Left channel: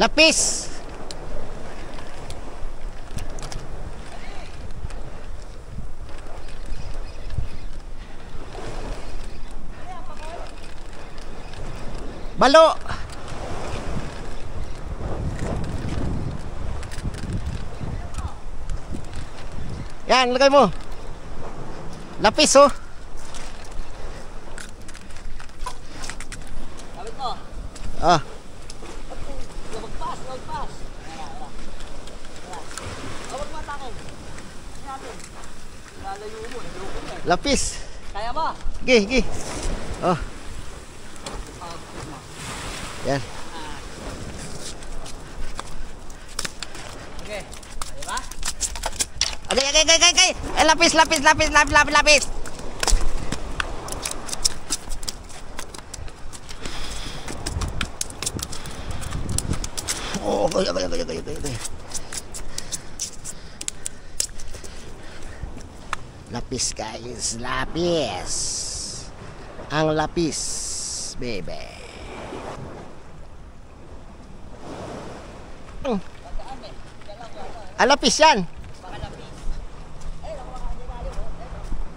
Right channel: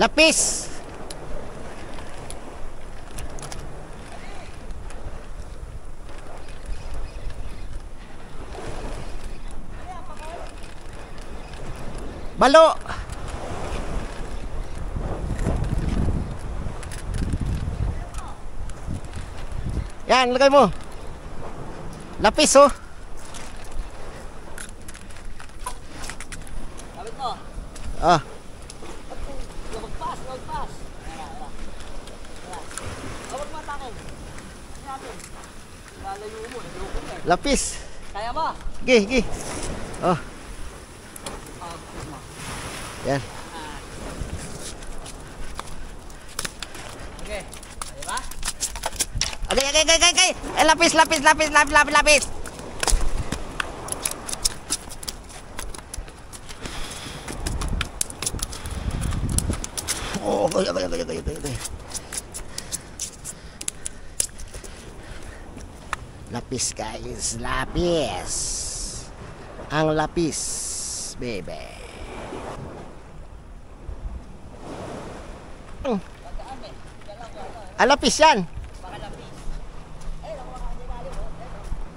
Lapis. Balo. Yan, lagay mo. Lapis, oh. Kapit mo. Ah. Lumagpas. Huwag matakin. Natin. Lalayo mo. Lapis. Kaya ba? Sige. Oh. Yan. Okay. Kaya ba? Okay. Lapis. Oh, okay. Lapis, guys. Lapis. Ang lapis, baby. Lapis yan.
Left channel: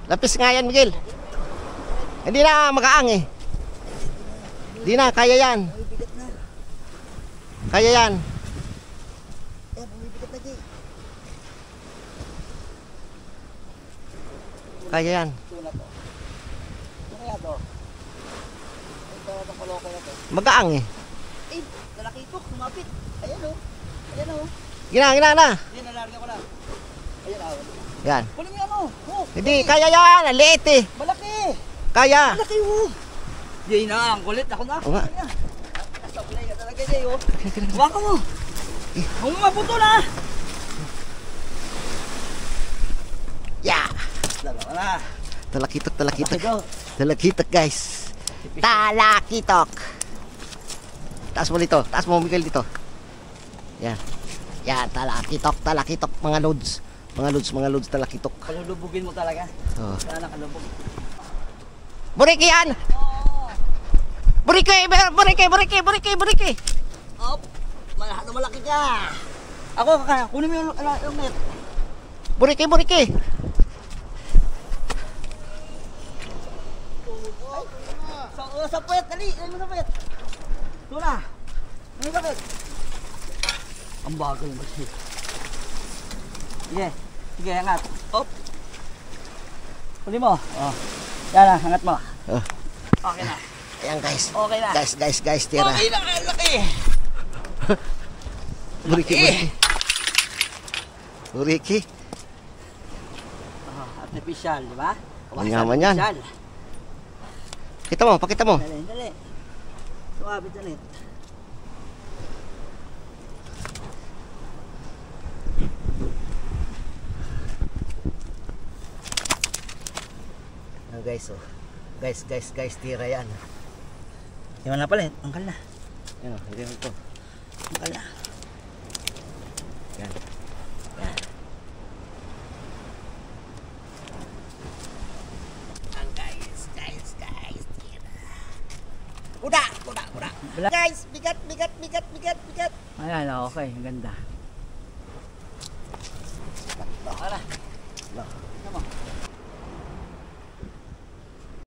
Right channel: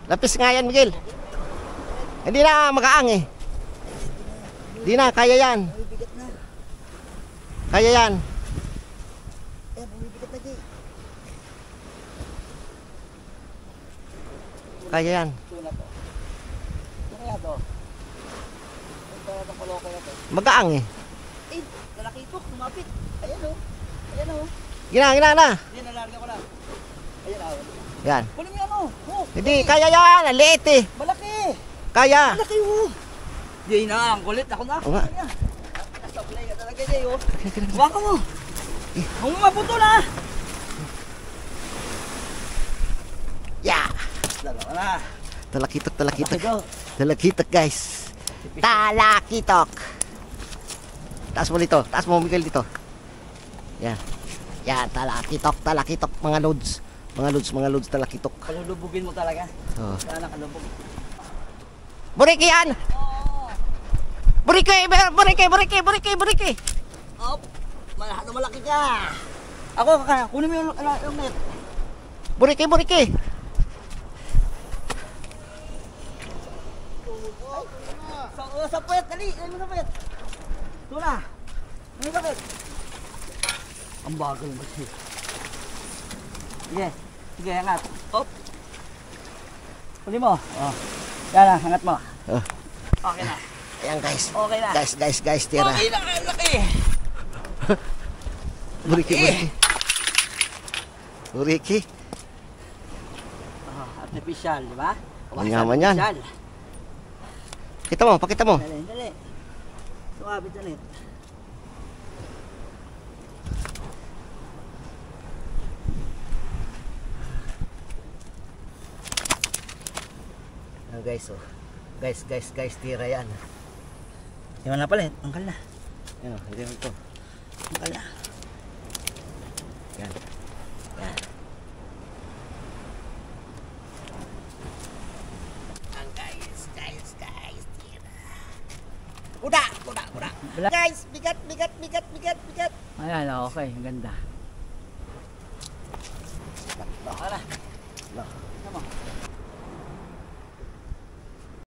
Lapis nga yan, Miguel. Hindi na makaang eh. Hindi na, kaya yan. Kaya yan. Kaya yan. Magaang eh. Lalaki ito, lumapit. Ayan o. Gina. Yan, nalarga ko lang. Ayan o. Yan. Kunin mo yan o. Hindi, kaya yan. Ang liit eh. Malaki. Kaya. Malaki o. Yay na, ang kulit. Ako na. Oo nga. Nasa-play ka talaga Jay o. Baka mo. Kung maputo na. Yeah. Dalawa na. Talakitok, guys. Talakitok. Taas mo dito. Taas mo, Miguel, dito. Yan. Yan, talakitok. Mga loads, talakitok. Kalulubugin mo talaga. Oh. Sana kalubog. Buriki yan! Oo. Buriki! Op. Malaki ka. Ako, kaka. Kunin mo yung net. Buriki! Sa puwet, dali. Dali mo sa puwet. Tuna. Ano yung bakit? Ang bagal mo siya. Sige, angat. Op. Huli mo. Oh. Yan na, angat mo. Oh. Okay na. Ayan, guys. Okay na. Guys, tira. Okay na, laki. Buriki. Artificial, di ba? Manyaman yan. Pakita mo. Dali. Sumabit na net. Guys, oh. Guys, tira yan. Yan na pala, angkal na. Yan, hindi mo ito. Angkal na. Yan. Ang guys, tira. Uda. Guys, bigat. Ayan, okay, ang ganda. Ano?